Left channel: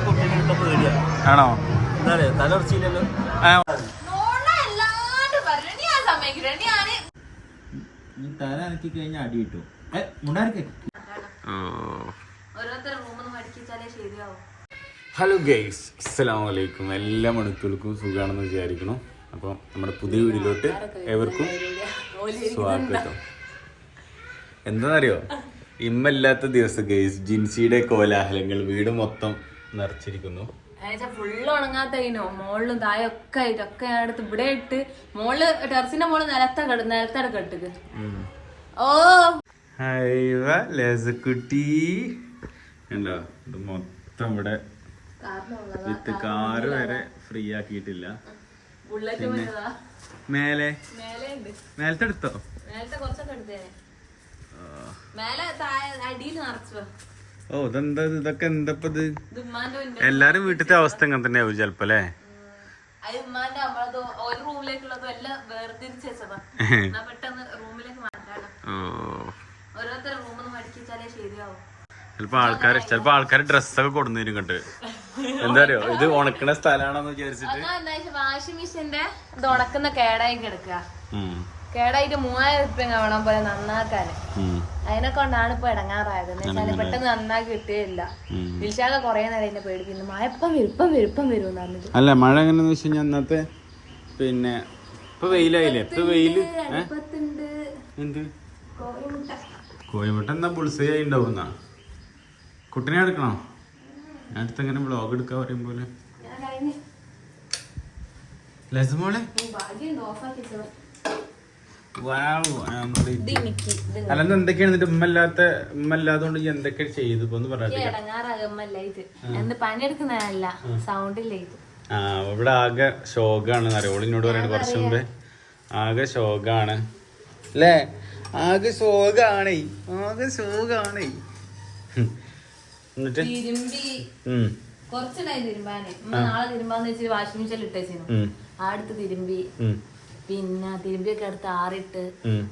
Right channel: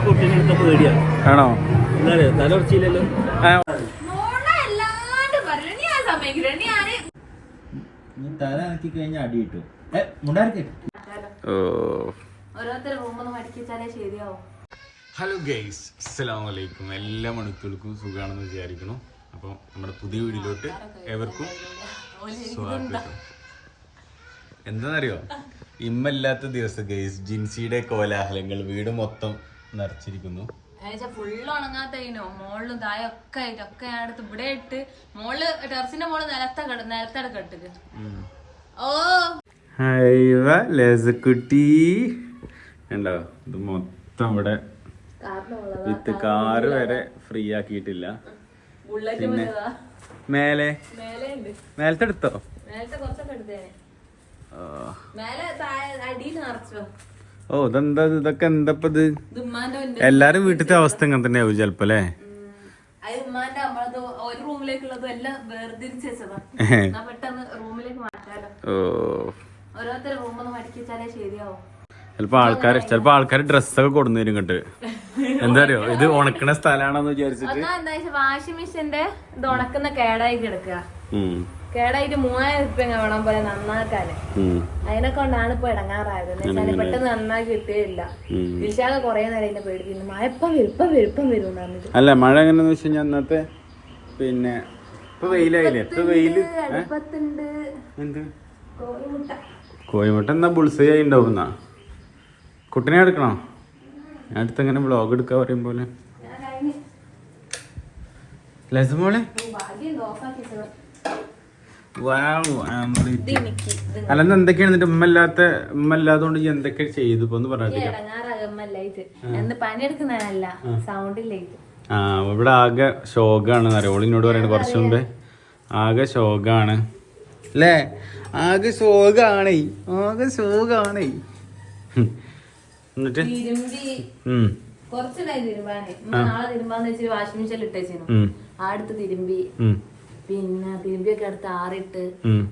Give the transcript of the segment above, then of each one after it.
പേടിയാണ് ആണോ? എന്നാലേ നീ തല ഇറക്കി കഴിഞ്ഞാൽ അടി കിട്ടും. ഹലോ ഗൈസ് അസ്സലാം വലൈക്കും എല്ലാ മണിത്തുകൾക്കും സുഖമാണെന്ന് വിചാരിക്കണം അപ്പോൾ നമ്മുടെ പുതിയ വീടിലോട്ട് എവർക്കും സ്വാഗതം. എന്താണെന്നറിയോ? ഇമ്മല്ലാത്ത ദിവസം ഗൈസ് ജിൻസിയുടെ കോലാഹലങ്ങൾ വീട് മൊത്തം നിറച്ചിരിക്കുന്നു. ഫുള്ള് ഉണങ്ങാത്തതിനോ മോളിലും തായൊക്കെ ആയിട്ട് ഒക്കെ ഞാൻ എടുത്ത് ഇവിടെ ഇട്ട് മോൾ ടെറസിന്റെ മോൾ നിലത്ത നിലത്തടക്കം നിലത്തട കെട്ടുക ഓ. ലേസക്കുട്ടി ഉണ്ടോ ഇത് മൊത്തം ഇവിടെ വിത്ത് കാറ് വരെ ഫ്രീ ആക്കിയിട്ടില്ല. ബുള്ളറ്റ് പിന്നെ മേലെ മേലെ? ഉണ്ട് മേലത്തെ എടുത്തോ മേലത്തെ കുറച്ചൊക്കെ എടുത്തേനെ ആ. മേലെ താഴെ അടിയിൽ നിറച്ചോ? ഓ ഇതെന്താ ഇത്? ഇതൊക്കെ എന്താ ഇത് എല്ലാരും വീട്ടിലത്തെ അവസ്ഥ ഇങ്ങനെ തന്നെ ആവും ചെലപ്പോ അല്ലേ? ചിലപ്പോ ആൾക്കാര് ചിലപ്പോ ആൾക്കാര് ഡ്രസ്സൊക്കെ കൊടുന്നേരും ഇങ്ങോട്ട്. എന്താ അറിയോ? ഇത് ഉണക്കണ സ്ഥലമാണെന്ന് വിചാരിച്ചിട്ട്. വാഷിംഗ് മെഷീന്റെ ഇത് ഉണക്കുന്ന കേടായി കിടക്കുക. കേടായിട്ട് മൂവായിരം ഉറുപ്പ്യ വേണം പോലെ നന്നാക്കാന്. ഉം, അതിനെ കൊണ്ടാണ് ഇപ്പൊ ഇടങ്ങാറായത്. പെട്ടെന്ന് നന്നാക്കി കിട്ടിയില്ല. ഉം. വിശാഖ കൊറേ നേരം എന്നെ പേടിപ്പിക്കുന്നു മഴ ഇപ്പം വരും ഇപ്പം വരും ഇപ്പം വരും എന്ന് പറഞ്ഞിട്ട്. അല്ല മഴ എങ്ങനെയാന്ന് വെച്ച് കഴിഞ്ഞാൽ അന്നത്തെ പിന്നെ ഇപ്പൊ വെയിലായില്ലേ? ഇപ്പൊ വെയിൽ എന്ത്? കോഴിമുട്ട. എന്നാ ബുൾസൈ ആയി ഉണ്ടാവുന്ന? കുട്ടിനെ എടുക്കണോ? അടുത്ത് എങ്ങനെ ബ്ലോഗ് എടുക്കാ പറയും പോലെ. ലസമോളെ? ഭാഗ്യം ഓഫാക്കി വെച്ചത്. വാവ്, നമ്മൾ ഇത്. ഇത് മിക്കി. ഇത് അല്ല ഇന്ന് എന്തൊക്കെയാണ് നിന്റെ ഉമ്മ ഇല്ലാത്ത ഉമ്മ ഇല്ലാത്തതുകൊണ്ട് ഈ എന്തൊക്കെ ചെയ്തു പണിയെടുക്കുന്നതല്ല സൗണ്ട് ആ ഇവിടെ ആകെ ശോകാണ് നരവളിനോട് പറയുന്നത് കുറച്ച് മുമ്പേ ആകെ ശോകാണ്. അല്ലേ? ആകെ ശോകാണ്. ആകെ ശോകാണ്. എന്നിട്ട്? തിരുമ്പി ഉം, കുറച്ചുണ്ടായി തിരുമ്പാന് നാളെ തിരുമ്പാന്ന് വെച്ചിട്ട് വാഷിംഗ് മെഷീനിൽ ഇട്ടേച്ചിരുന്നു. ആടുത്ത് ആ അടുത്ത് തിരുമ്പി പിന്നെ തിരുമ്പിയൊക്കെ എടുത്ത് ആറിട്ട്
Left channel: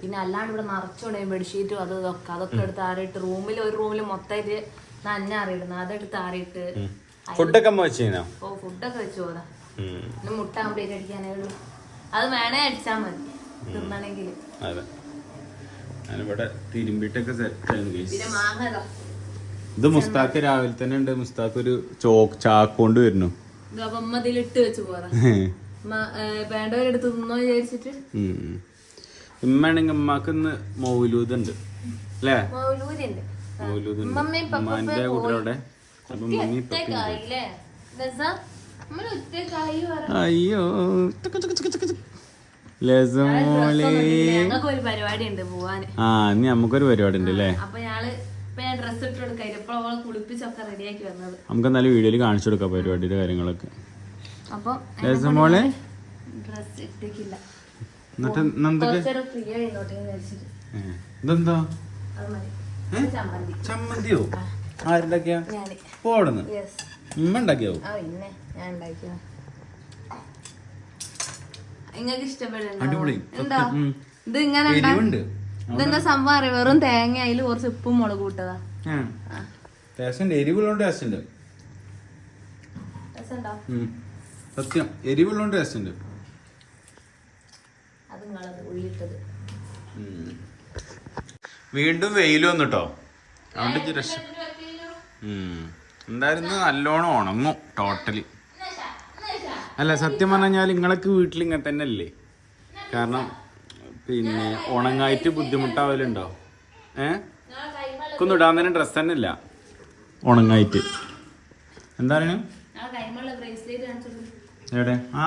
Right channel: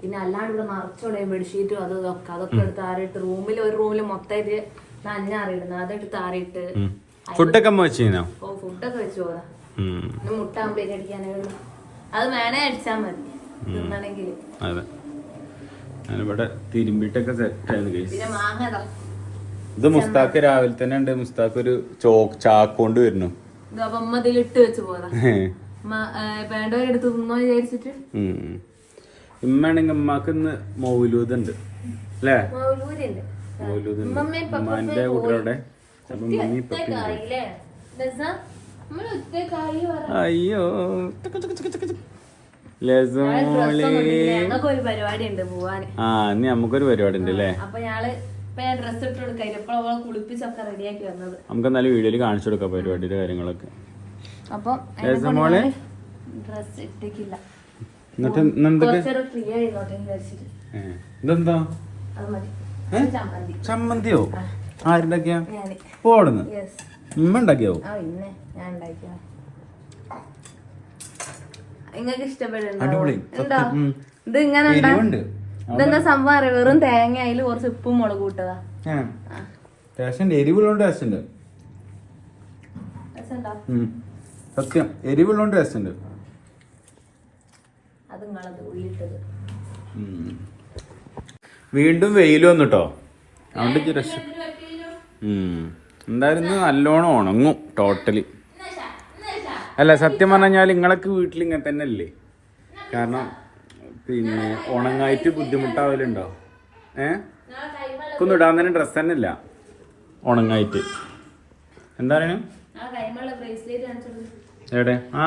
പിന്നെ അല്ലാണ്ട് ഇവിടെ മറച്ചോടെ ബെഡ്ഷീറ്റും അതും ഇതൊക്കെ അതൊക്കെ എടുത്ത് ആറിട്ട് റൂമിൽ ഒരു റൂമിൽ മൊത്തമായിട്ട് നന്ന ആറിയിടുന്നു അതെടുത്ത് ആറിയിട്ട് ഉം. ഫുഡൊക്കെ ഓ ഫുഡൊക്കെ വെച്ച് പോതാ മുട്ട ആകുമ്പോഴേക്ക് അടിക്കാനേ ഉള്ളൂ. അത് വേണേ അടിച്ചാൽ മതി. തിന്നണെങ്കിൽ ഇവിടെ തിരുമ്പിട്ടൊക്കെ ഇതാ. ഇത് മുസ്താഖ് രാവിലെ തന്നെ ഉണ്ട്. മുസ്താഖ് ഒരു ചോ ചാക്കൊണ്ട് വരുന്നു. ഇട്ട് വെച്ച് പോതാ വേണ്ടവരെടുത്ത് തിന്നോ വിചാരിച്ചിട്ട്? ഉം. ഇമ്മയാണെങ്കിൽ ഉമ്മാക്ക് ഇന്ന് മൗലൂദ് ഉണ്ട് അല്ലേ? മൗലൂരുണ്ട് മൗലൂദ് ഉണ്ട് ഉമ്മയും പപ്പയും ഉമ്മാന്റെ കുട്ടികളുടെ അപ്പൊ മമ്മി അയ്യോ. ആ ഇനി നമുക്കൊരു പരിപാടി ഉണ്ട് അല്ലേ? വന്നത്? നമുക്ക് എന്നാലും വീഡിയോയിൽ കാണിച്ചു കൊടുക്കാം പരിപാടിയുടെ കാര്യങ്ങളൊക്കെ. അപ്പൊ ഡ്രസ് ഇട്ടേക്കില്ല. ഇതെന്താ? ചമ്മന്തിയോ? ആരുണ്ടാക്കിയ? പോടുന്നു ഉമ്മ ഉണ്ടാക്കിയാവോ അടിപൊളി. ഇത് ഇങ്ങനെ ഇതെന്താ സംഭവം അറിയാം? വെറും തേങ്ങ അതിൽ കുറച്ച് ഉപ്പും മുളക് കൂട്ടതാ ടേസ്റ്റ് ഉണ്ട്. എരിവുള്ളതുകൊണ്ട് ടേസ്റ്റ് ഉണ്ട്. രസമുണ്ടോ? ഉം. സത്യം. എരിവുള്ളതുകൊണ്ട് ടേസ്റ്റ് ഉണ്ട് വീണ്ടും വെയിൽ വന്നു കേട്ടോ അതുകൊണ്ട് രക്ഷ എന്തായാലും നല്ലോണം ഉണങ്ങും ടോട്ടലി. അല്ല സത്യം പറഞ്ഞാൽ നിങ്ങളൊക്കെ വീട്ടിൽ ഇങ്ങനെ തന്നെ അല്ലേ കാരണം പിന്നെ ഉണങ്ങായിട്ട് ബുദ്ധിമുട്ടാവലുണ്ടോ? ഏ? ഒന്നും ഇടാൻ തന്നെ ഡ്രസ്സ് തന്നെ ഇല്ല ഉണങ്ങായിട്ട്. എന്താ പറയുക എവിടെ? ആ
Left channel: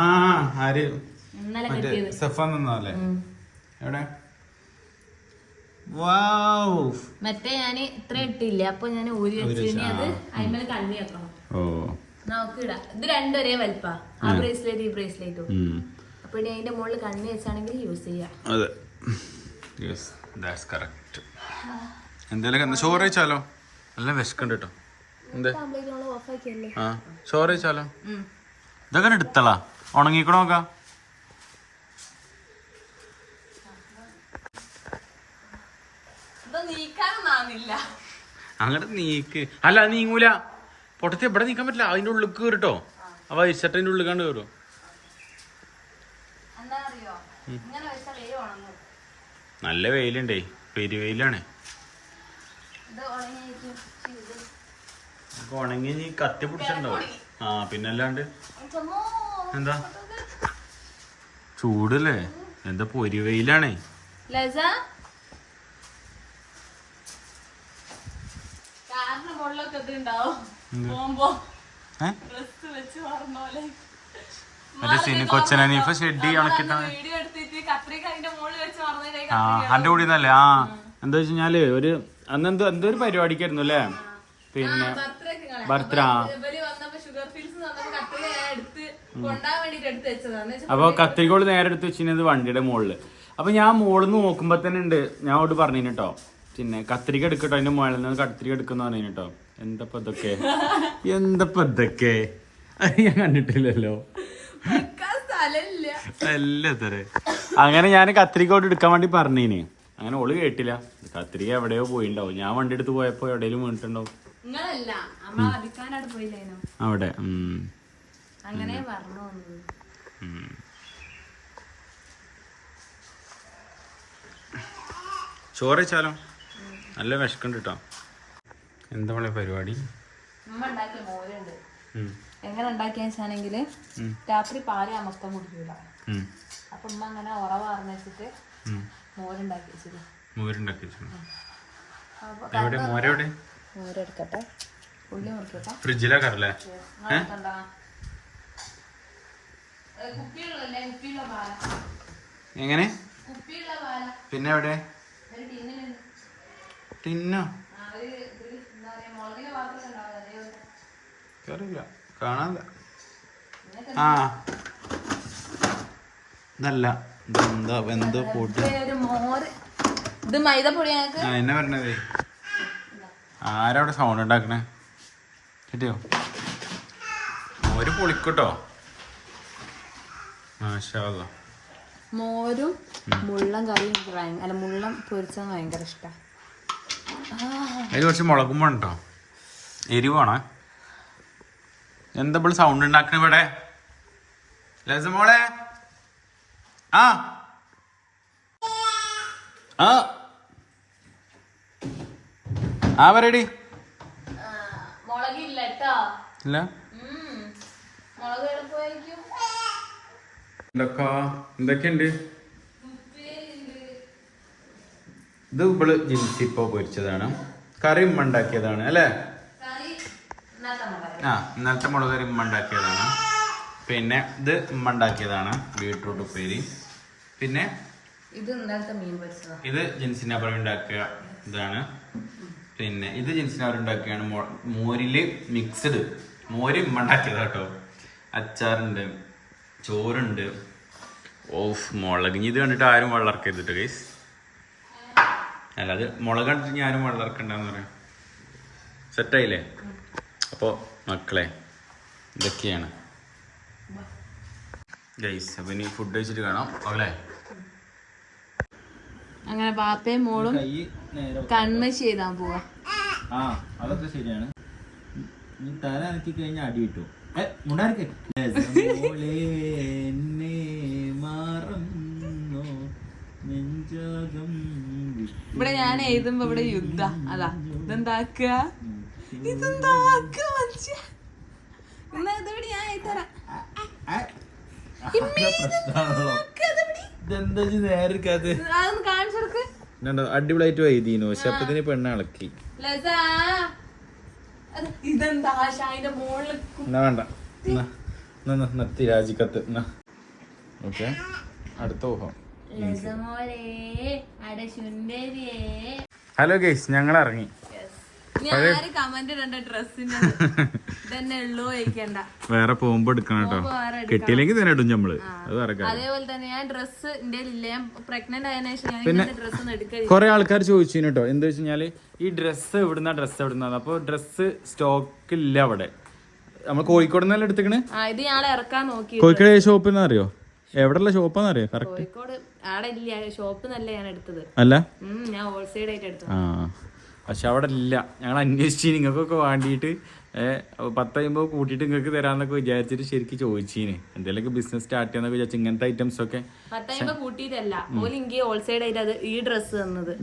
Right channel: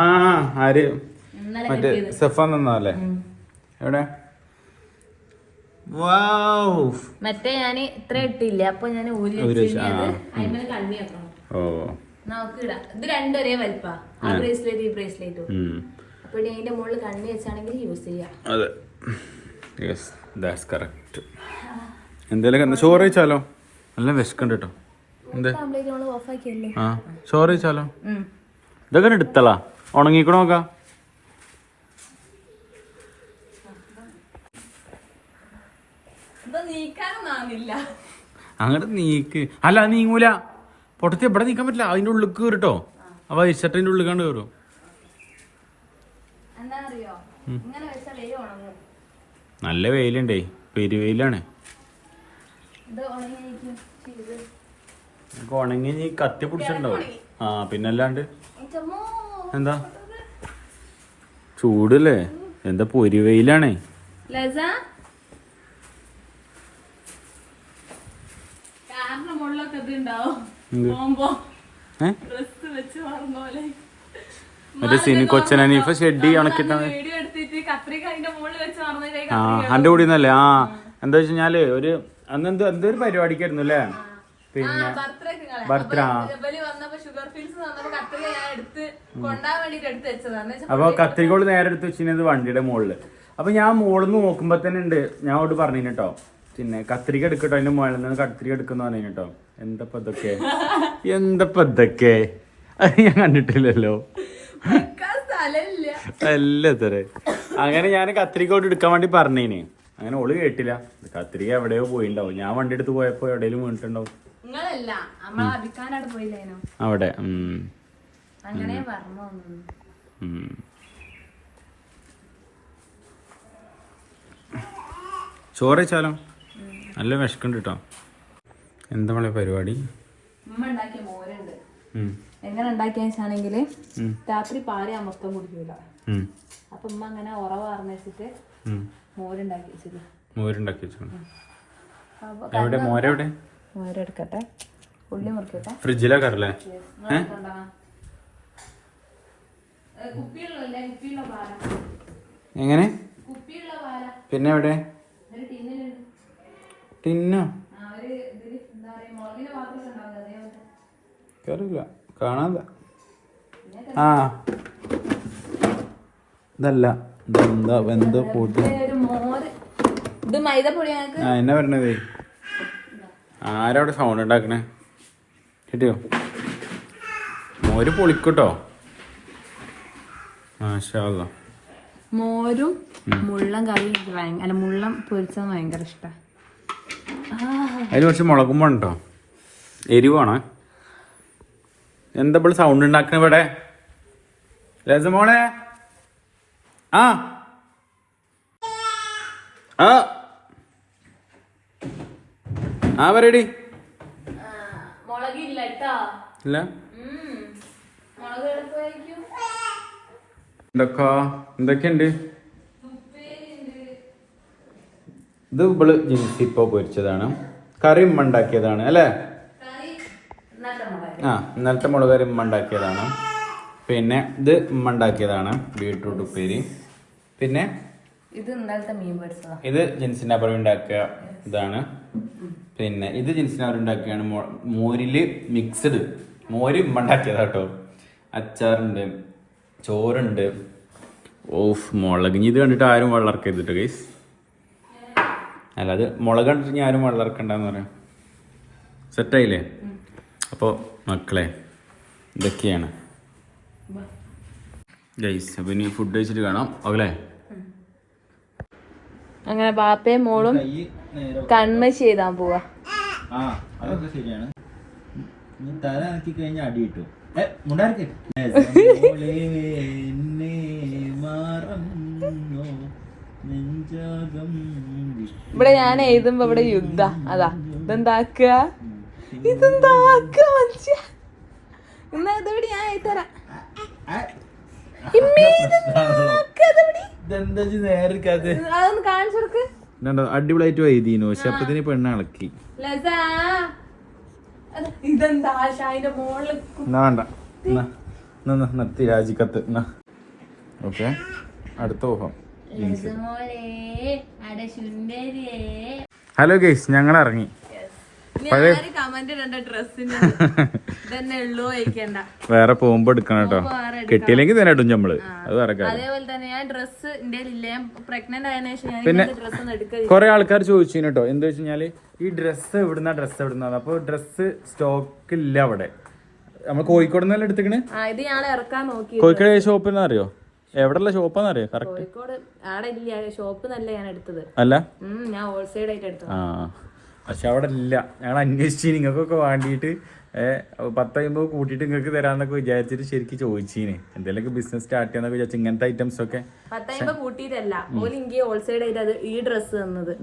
ആര്? ഇന്നലെ മറ്റേ സെഫൻ തന്നല്ലേ എവിടെ. മറ്റേ ഞാൻ ഇത്ര ഇട്ടില്ല. അപ്പൊ ഞാൻ ഓ. നമുക്ക് ഇടാം. ഇത് രണ്ടും ഒരേ വലിപ്പാ. ആ ബ്രേസ്ലെറ്റ് ഈ ബ്രേസ്ലെറ്റും. അപ്പൊ ഇനി അതിന്റെ മുകളിൽ കണ്ണി വെച്ചാണെങ്കിൽ യൂസ് ചെയ്യാം. അതെ. യെസ് ദാറ്റ്സ് കറക്റ്റ് എന്തേലും എന്താ? ചോറ് കഴിച്ചാലോ? നല്ല വിശക്കണ്ട് കേട്ടോ. എന്ത്? ആ ചോറ് കഴിച്ചാലോ? ഇതൊക്കെ എടുത്തളാ. ഉണങ്ങിക്കണോ നോക്കാം. അങ്ങനെ അങ്ങോട്ട് നീക്ക്. അല്ല നീങ്ങൂല. പൊട്ടത്തി എവിടെ നീക്കാൻ പറ്റില്ല. അതിന്റെ ഉള്ളിൽ കയറിട്ടോ അപ്പൊ ഇഷ്ടത്തിന്റെ ഉള്ളിൽ കണ്ട് കയറും നല്ല വെയിലുണ്ടേ. പെരുവെയിലാണ്. ഉണങ്ങി കത്തി പിടിച്ചിട്ടുണ്ടാവും. ആ പിന്നല്ലാണ്ട് എന്താ? ചൂടല്ലേ? എന്താ പൊരി വെയിലാണേ? മറ്റേ സിനി കൊച്ചനീഫ ഷെഡി ഉണക്കിട്ടാ ആ അന്റെ കൂടി നിന്നല്ലേ ആ. എന്താ വെച്ചാൽ ഒരു അന്ന് എന്തോ എന്തോ ഒരു പരിപാടിക്കായിരുന്നു അല്ലേ? പിന്നെ ബർത്ത്ഡേ എടുത്ത് കൊണ്ടാൻ വേണ്ടിട്ട് എടുത്ത് വെച്ചതാണ്. അപ്പൊ കത്തിരിക്കോൾ നേരെ എടുത്ത് വെച്ചിരുന്നത് വണ്ടിയുടെ മുകളിൽ അപ്പൊ ഞാൻ മുകളിൽ നിന്ന് നോക്കുമ്പോ തന്നെ ഉണ്ട്. ഞാൻ അവിടെ പറഞ്ഞു കേട്ടോ പിന്നെ കത്തിരിക്ക എടുക്കട്ടോ അതിന്റെ മുകളിൽ നിന്ന് കത്തിരിക്ക എടുക്കുന്ന പറഞ്ഞു കേട്ടോ എന്തപ്പോ ഇതൊക്കെ? എന്തപ്പോ ഇതൊക്കെ? അത് ഞാൻ കണ്ടിട്ടില്ലല്ലോ. അല്ല തരേ അങ്ങനെ ഞാൻ കത്തിരിക്കോട്ട് എടുക്കാൻ വേണ്ടി പറഞ്ഞേന്. അങ്ങനെ ഓൾ കേട്ടില്ല. കത്തിരിക്ക എവിടെയോ പോയിണ്ടാവും. ഞാൻ വണ്ടി എടുത്ത് പോയപ്പോ എവിടെയും വീണിട്ടുണ്ടാവും. അവിടെ. ഉം, അങ്ങനെ പറഞ്ഞു. ചോറ് വെച്ചാലോ നല്ല വിശക്കുണ്ട് കേട്ടോ എന്താ പരിപാടി? എങ്ങനെ ഉണ്ടാക്കിയ വെച്ചാണെങ്കിൽ ഉം, രാത്രി പാൽ മൊത്തം കുടിക്കൂല. അപ്പൊ ഉമ്മ അങ്ങനെ ഉറവ അറിഞ്ഞിട്ട്. മോരുണ്ടാക്കി വെച്ചത് മോരുണ്ടാക്കി വെച്ചോ. അപ്പൊ എവിടെ? മോരെവിടെ? മോരെടുക്കട്ടെ? ഉള്ളി മുറിക്കട്ടെ? ഫ്രിഡ്ജിലാ കറല്ലേ കുപ്പിയുള്ളല്ലേ കുപ്പിയുള്ള പാല എങ്ങനെ? പിന്നെ എവിടെ? ടിന്നോ? എന്താ അറിയില്ല കാണാതെ ആ. ഇതല്ല. ഇതെന്താ വെന്ത പൊടി ഇത് മൈദപ്പൊടി ആ എന്നാ പറഞ്ഞതേ? ആരവിടെ സൗണ്ട് ഉണ്ടാക്കണേ? കിട്ടിയോ മോര് പൊളിക്കട്ടോ. മോരും മുള്ളം കറിയും അല്ല മുള്ളം പൊരിച്ചത് ഭയങ്കര ഇഷ്ടമാണ് അതിൽ കുറച്ച് മുളകും വേണ്ടോ എരിവാണ് എന്താ ഇപ്പോൾ സൗണ്ട് ഉണ്ടാക്കണ ഇവിടെ? രസമോളെ ആ. ആ. ആ പറയടി. ഇല്ല മുളക് എളുപ്പമായിരിക്കും എന്തൊക്കെ? എന്തൊക്കെയുണ്ട്? ഇത് ഇവൾ ജിൻസി ഇപ്പൊ പൊരിച്ചതാണ്. കറി ഉമ്മ ഉണ്ടാക്കിയതാണ് അല്ലേ? ആ ഇന്നലത്തെ മുളക് കറി ഉമ്മ ഉണ്ടാക്കിയതാണ്. പിന്നെ ഇത് ഉമ്മ ഉണ്ടാക്കിയതാണ് ബീട്രൂട്ട് ഉപ്പേരി. പിന്നെ ഇത് ജിൻസിന്റെ അവർ ഉണ്ടാക്കിയ ഇതാണ്. പിന്നെ ഇത് ജിൻസിന്റെ അവർ ഉണ്ടാക്കിയാണ് മോരിൽ മിക്സ്ഡ് മോര് ഉമ്മ ഉണ്ടാക്കിയതാട്ടോ അച്ചാറുണ്ട്. ചോറുണ്ട്. ഓഫ് മുളക്. ഇത് കണ്ടിട്ട് ആരും വെള്ളർക്കരുത് കേട്ടോ ഗൈസ് അല്ലാതെ മുളക് കണ്ടിട്ട് ഇനി ആരും വെള്ളർക്കണ്ടെന്ന് പറയാം. സെറ്റായില്ലേ? അപ്പോൾ മക്കളെ ഇതൊക്കെയാണ്. ഗൈസ് അപ്പോൾ ഇനി ഫുഡ് കഴിച്ചിട്ട് കാണാം. ഓക്കെ അങ്ങനെ ബാപ്പയും മോളും കൺമ ചെയ്താൻ പോവാ. ആ അതൊക്കെ ശരിയാണ്? നീ തല അനക്കി കഴിഞ്ഞാൽ അടി കിട്ടും. ഇവിടെ ഞാൻ എഴുതുമ്പോ ഇവിടെ യുദ്ധ. അതാ ഇതെന്താക്കുക? ഇതെന്താക്കുക മനുഷ്യ? എന്നാ ഇതെവിടെ? ഞാൻ എഴുതരാം അടിപൊളിയായിട്ട് വൈദ്യനു പക്ഷെ അപ്പത്തിന് പെണ്ണ് ഇളക്കി. ഇതെന്താ ഷായിന്റെ മോളിൽ വേണ്ട. രാജിക്കത്ത്. ഓക്കെ. അടുത്ത ഊഹം. ഹലോ ഗേസ് ഞങ്ങൾ ഇറങ്ങി. വേറെ പോകുമ്പോ എടുക്കണം കേട്ടോ. കിട്ടിയില്ലെങ്കിൽ തന്നെ ഇടും നമ്മൾ അത് വേറെ പിന്നെ കുറെ ആൾക്കാർ ചോദിച്ചു കേട്ടോ. എന്താ വെച്ച് കഴിഞ്ഞാൽ ഈ ഡ്രസ്സ് എവിടുന്ന ഡ്രസ്സ് എവിടുന്ന അപ്പൊ ഡ്രസ്സ് സ്റ്റോക്ക് ഇല്ല അവിടെ. നമ്മൾ കോഴിക്കോട് നിന്നല്ലേ എടുത്തിക്കണ്? കോഴിക്കോട് ഷോപ്പിൽ അറിയോ? എവിടെയുള്ള ഷോപ്പാന്ന് അറിയോ? കറക്റ്റ് കോഴിക്കോട് അവിടെ ഇല്ല. ഷോപ്പ് നല്ല ഞാൻ എടുത്തത്. അല്ല? ഞാൻ ഹോൾസെയിൽ ആയിട്ട് എടുത്തത്. ആ. പക്ഷെ അവിടെ ഇല്ല ഞങ്ങൾ അന്വേഷിച്ച് നിങ്ങൾക്കൊക്കെ വേണ്ടിയിട്ട് ഏഹ് പത്തയ്യുമ്പോൾ കൂട്ടിയിട്ട് നിങ്ങൾക്ക് തരാന്നൊക്കെ വിചാരിച്ചിട്ട് ശരിക്കും ചോദിച്ചീന്. എന്തെങ്കിലുമൊക്കെ ബിസിനസ് സ്റ്റാർട്ട് ചെയ്യാന്നൊക്കെ വിചാരിച്ചു ഇങ്ങനത്തെ ഐറ്റംസ് ഒക്കെ പത്തായിമ്പോ കൂട്ടിയിട്ടല്ല. ഓൽ എനിക്ക് ഹോൾസൈഡ് ആയിട്ട് അത് ഈ ഡ്രസ്സ് തന്നത്.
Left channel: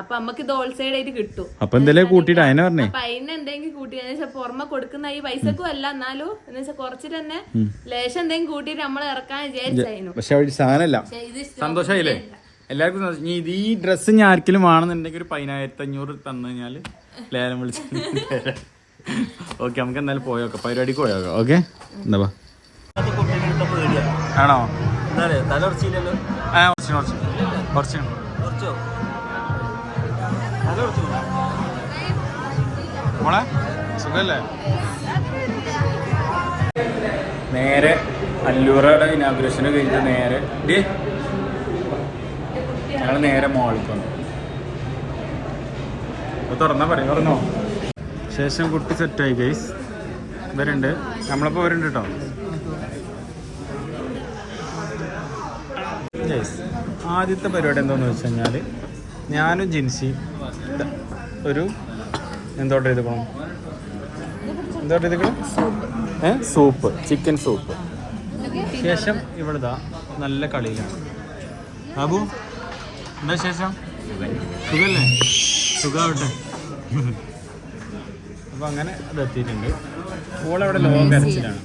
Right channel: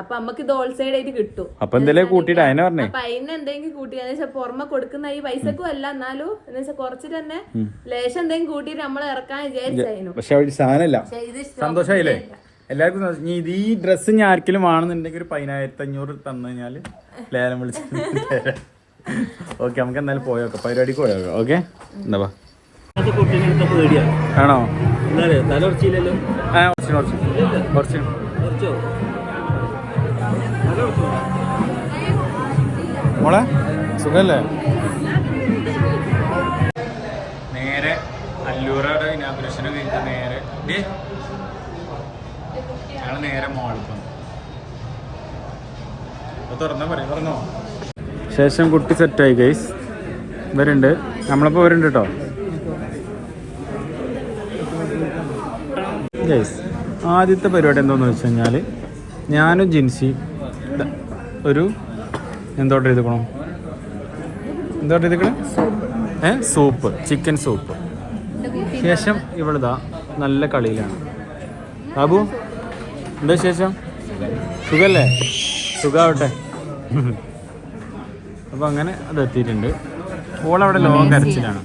അപ്പൊ നമുക്ക് ഇത് ഹോൾസൈഡ് ആയിട്ട് കിട്ടും. അപ്പൊ എന്തെങ്കിലും കൂട്ടിയിട്ട് അതിനെ പറഞ്ഞു. അപ്പൊ അതിന് എന്തെങ്കിലും കൂട്ടി പുറമെ കൊടുക്കുന്ന ഈ പൈസക്കും അല്ല എന്നാലും എന്ന് വെച്ചാൽ തന്നെ ലേശം എന്തെങ്കിലും കൂട്ടിയിട്ട് നമ്മൾ ഇറക്കാൻ വിചാരിച്ചായിരുന്നു പക്ഷെ സന്തോഷമായില്ലേ? എല്ലാവർക്കും. ഇനി ഇത് ഈ ഡ്രസ്സ് ഞാൻ ആർക്കെങ്കിലും വേണമെന്നുണ്ടെങ്കിൽ ഒരു പതിനായിരത്തി അഞ്ഞൂറ് തന്നു കഴിഞ്ഞാൽ ലേലം വിളിച്ച് ഓക്കെ നമുക്ക് എന്തായാലും പോയോക്കാം പരിപാടിക്ക് പോയോക്കാം ഓക്കെ എന്താ ആണോ? മോളെ സുഖല്ലേ? നേരെ അല്ലൂറയുടെ ഇനാഗുറേഷന് കഴിഞ്ഞിട്ട് നേരെ ഡേ ഞങ്ങൾ നേരെ മോൾക്ക് വന്നു. തുറന്നാ ശേഷം കുട്ടി സെറ്റായി ഗൈസ് ഇവരുണ്ട്. നമ്മളിപ്പോൾ ഇവരുണ്ട് കേട്ടോ ഗൈസ് ആദ്യത്തെ പരിപാടി എന്താണെന്ന് വെച്ച് കഴിഞ്ഞാൽ ഞാനും ജിൻസി ഒരു എന്തോട്ട് എഴുതണം? എന്തോട്ട് എഴുതി സോപ്പ് ചിക്കൻ സോപ്പ്. ശേഷം ഇവളിതാ നല്ല കളിയിലാണ്. ബാബു? എന്താ ശേഷം സുഖല്ലേ? സുഖാവട്ടെ. അപ്പൊ അങ്ങനെ അത് എത്തിയിട്ടുണ്ട്. ഓളവിടെ ലോങ് കരച്ചിലാണ്.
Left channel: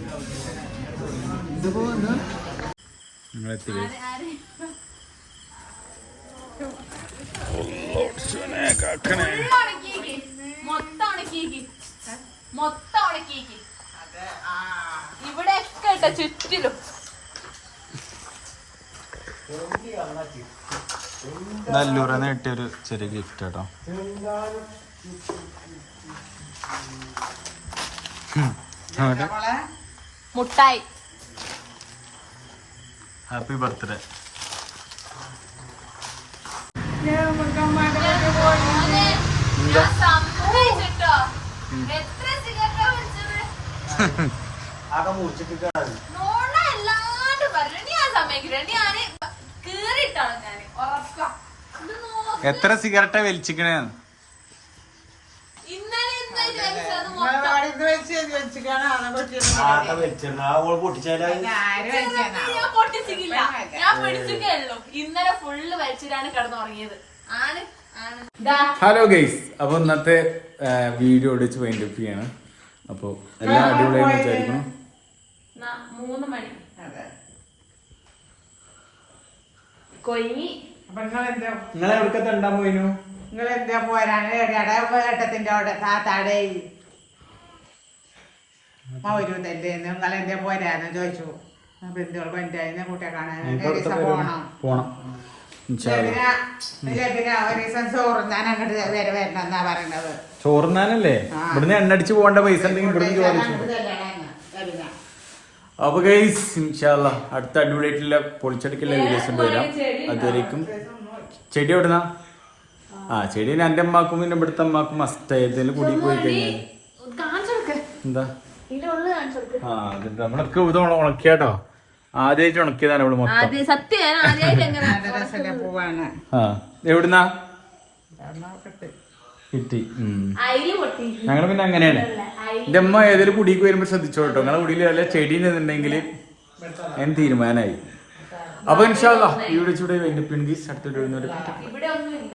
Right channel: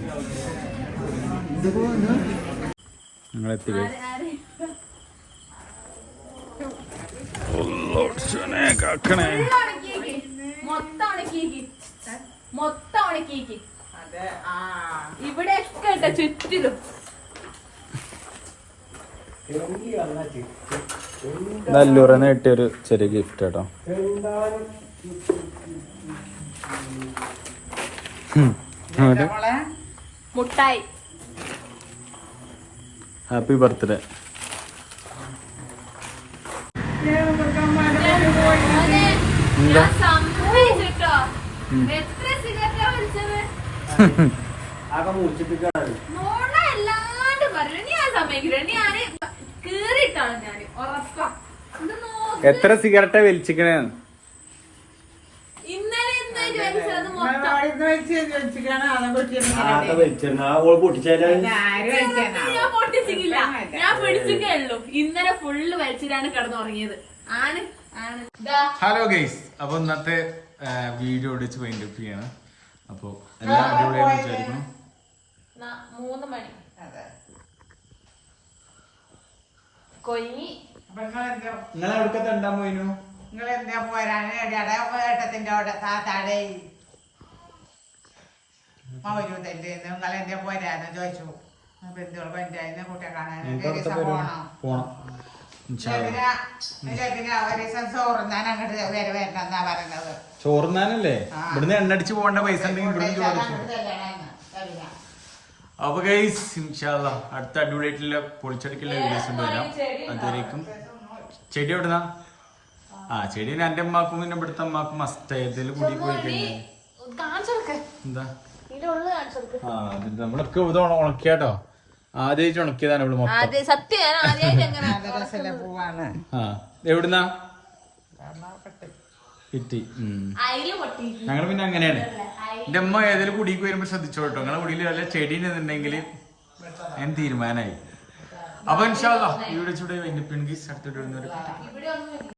ഞങ്ങൾ എത്തി guys. മൊത്തം ഉണക്കിയേക്ക്. ഇവിടെ ഒക്കെ ചുറ്റിലും. നല്ലൂറന്ന് കിട്ടിയൊരു ചെറിയ ഗിഫ്റ്റ് കേട്ടോ. മുട്ടായി. ഹാപ്പി ബർത്ത്ഡേ മോനെ, ഞാൻ ഞാൻ. എത്ര സിഗരറ്റാ വലിച്ചിക്കണേ? ഹലോ ഗൈസ് അപ്പൊ ഇന്നത്തെ വീഡിയോ ഒടിച്ച് വൈൻഡ് അപ്പ് ചെയ്യാണ്. അപ്പോൾ എല്ലാം അടിപൊളിയായി വിചാരിക്കണം മൂന്ന് മണി. കൊയ്യി നിങ്ങൾ നിങ്ങൾ നിങ്ങളെന്താ പോരാന്? ഏട്ടത്തിന്റെ അവിടെ താത്താടെ മൗരൂതല്ലേ നിങ്ങളെന്താ പോരാന്ന് ചോദിച്ചു. ബന്ധുക്കൾ പഞ്ചായത്തിനെ കൂട്ടെ കാണാൻ. പോണം. ചോറുന്നാനല്ലേ. ഇവിടുന്ന് എണ്ണടിച്ച് പോകേണ്ട പൈസ ഉണ്ടെങ്കിൽ ഇവിടുന്ന് ചോദിച്ചു. അപ്പൊ ഗൈസ് ഇൻഷാല്ല അടുത്ത അടിപൊളിയായിട്ടുള്ള പൊളിച്ചടുക്കുള്ള വീഡിയോസ് ഉണ്ട് വരാം. അതുവരേക്കും. ചെടി എവിടുന്നാ? ആ ചെടി എന്റെ അമ്മാക്കും പിന്നെ ഇവിടുത്തെ അമ്മാക്കും മസ്റ്റ് ഏതെങ്കിലും കൂടി പോയി കഴിഞ്ഞാൽ കാണിച്ചെടുക്ക് എന്താ? ആ ഇത് ഉണക്കിയാട്ടോ. ആദ്യമായിട്ട് ഉണക്കിയതാണ് ഇവിടെ മൊത്തം. എവിടുന്നാ? ഞങ്ങൾ പിന്നെ അങ്ങനെയാണ്. എന്റെ അമ്മ ഏതെങ്കിലും കുടിക്ക് വരുമ്പോ ശ്രദ്ധിച്ചോ കേട്ടോ നിങ്ങളെ കുടിയിൽ വല്ല ചെടി എന്നുണ്ടെങ്കിൽ ഞാൻ തീരുമാനമായി അപ്പൊ ഇൻഷാല്ല ഈ വീഡിയോ ചൂടെ വെന്റിപ്പിൻ അടുത്തോട്ട് അടുത്ത ഇവിടെ ഒന്നും